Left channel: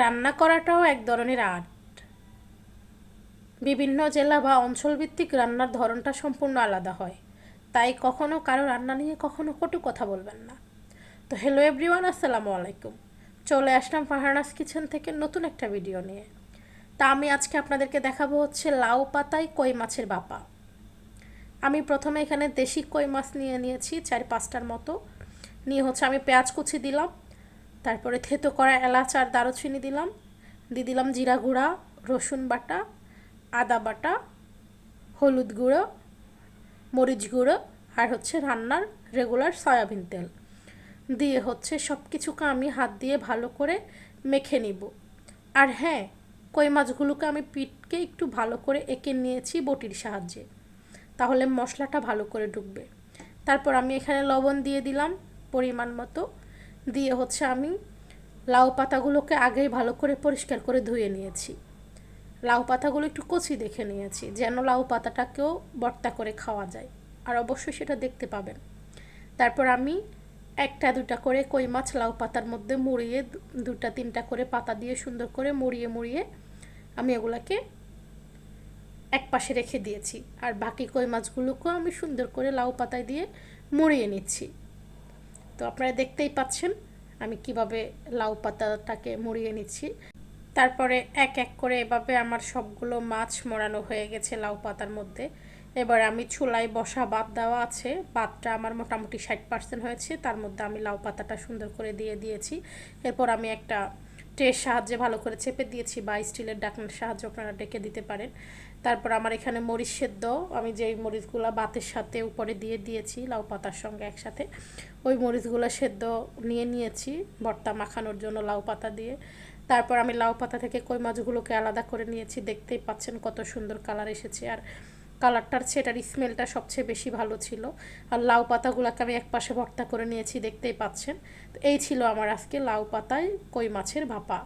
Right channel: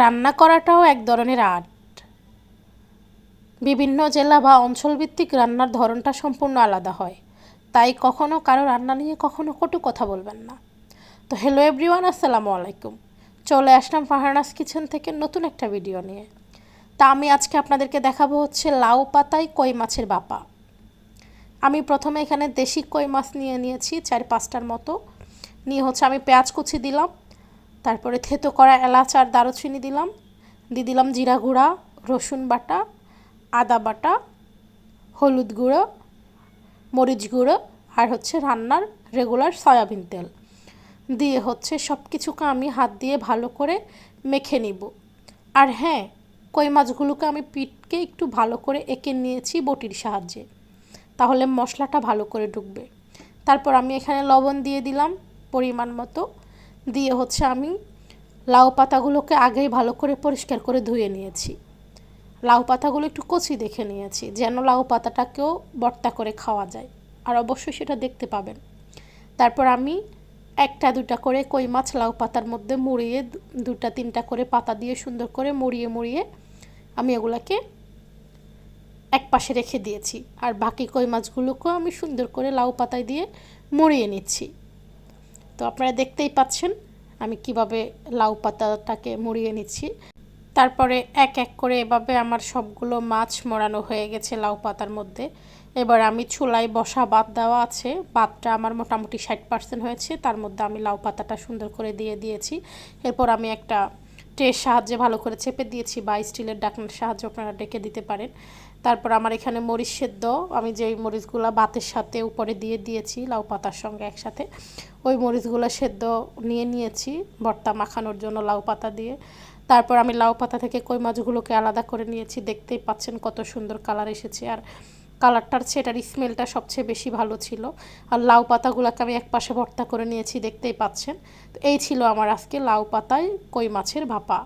রান্না করাটাও এক ধরনের আর্ট। বিভিন্ন জেলা বা অঞ্চলভিত্তিক রান্নার ধরনটা সম্পূর্ণ আলাদা হয়, তাই কখনো কারো রান্না নিয়ে কখনো কটু কথা বলবেন না। তো হ্যালো এভরিওয়ান, আসসালামু আলাইকুম। চলে আসলাম ফারহানাস কিচেন থেকে নতুন একটা ভিডিও নিয়ে। তা আমি আজকে আপনাদেরকে দেখাবো হচ্ছে লাউ পাতায় কই মাছের ভাপা। আমি প্রথমে এখানে দেশি কই মাছ নিয়ে নিয়েছি 4-5টার মতো। নিয়ে হচ্ছে আমি পেঁয়াজ কুচি দিলাম, তারপরে থেতো করা এলাচ আর দারুচিনি দিলাম, দিয়ে দিলাম জিরা গুঁড়া, রসুন বাটা, আদা বাটা, হলুদ গুঁড়ো, মরিচ গুঁড়ো আর হচ্ছে রান্নার রেগুলার সয়াবিন তেল দিয়ে হচ্ছে সব কিছুকে আমি হাত দিয়ে ভালো করে মেখে নিব। আর হ্যাঁ, কই মাছগুলোকে আমি পিঠকে একটু ভালো করে এঁকে নিয়েছি বটির সাহায্যে, তাহলে মশলাটা ভালো করে ঢুকবে। তারপর আমি এখানে লবণ দিয়ে দিলাম পরিমাণ মতো, দিয়ে হচ্ছে আমি লাউ পাতাগুলোকে আগেই ভালো করে পরিষ্কার করে ধুয়ে নিয়েছি। লাউ পাতাগুলো একটু কচি দেখে নিয়েছি, যেন লাউ পাতাটাকেও ভর্তা করে খাওয়া যায়, আর অবশ্যই সেটা দেখতে পাবেন। তারপর আমি 1-2টা করে কই মাছ লাউ পাতার মধ্যে মুড়িয়ে 2-3টা করে পাতা দিয়ে সুন্দর করে মুড়িয়ে আমি এগুলাকে এক পাশে রেখে দিয়েছি। আর বাকি কই মাছগুলোকেও আমি সুন্দর করে লাউ পাতায় দিয়ে মুড়িয়ে নিচ্ছি। তো আপনারা দেখতেই পাচ্ছেন আমি কিভাবে লাউ পাতাটাকে মুড়িয়ে নিচ্ছি। তারপরে এক এক করে এভাবে আমার সবগুলো মাছ মোড়ানো হয়ে গেছে লাউ পাতার মধ্যে। এবার আমি চুলায় বসা ভাত দেওয়া আছে, ভাতটা আমার মোটামুটি 60% হয়েছে, তার মধ্যে আমি লাউ পাতাটা সুন্দর করে দিয়ে দিয়েছি। এরপর আমি একটা ট্রের সাহায্যে ভালো করে চেপে দিয়েছি, বা স্টিলের ঢাকনার সাহায্যে আপনারা ডেকে দিতে পারেন। তারপর আমার এখানে মরিচ সেদ্ধ, আমি যেই মরিচগুলো ভাতের সাথে উপরে দিয়ে দিয়েছি লাউ পাতার সঙ্গে একসাথে, ওই মরিচগুলো সেদ্ধ নিয়েছি ভর্তা মাখানোর জন্য লাউ পাতা দিয়ে। তারপর আমি লাউ পাতা থেকে কই মাছগুলোকে আলাদা করে নিয়েছি, দেখতেই পাচ্ছেন কত সুন্দর কালার এসেছে, আর কালারটার চেয়ে এটার স্মেলটা সবচেয়ে বেশি ভালো ছিল। আর লাউ পাতাগুলোকে আমি এক পাশে ভর্তা করে নিয়েছি, দেখতেই পাচ্ছেন। তো এই ছিল আমার আজকে লাউ পাতায় কই মাছের ভাপা।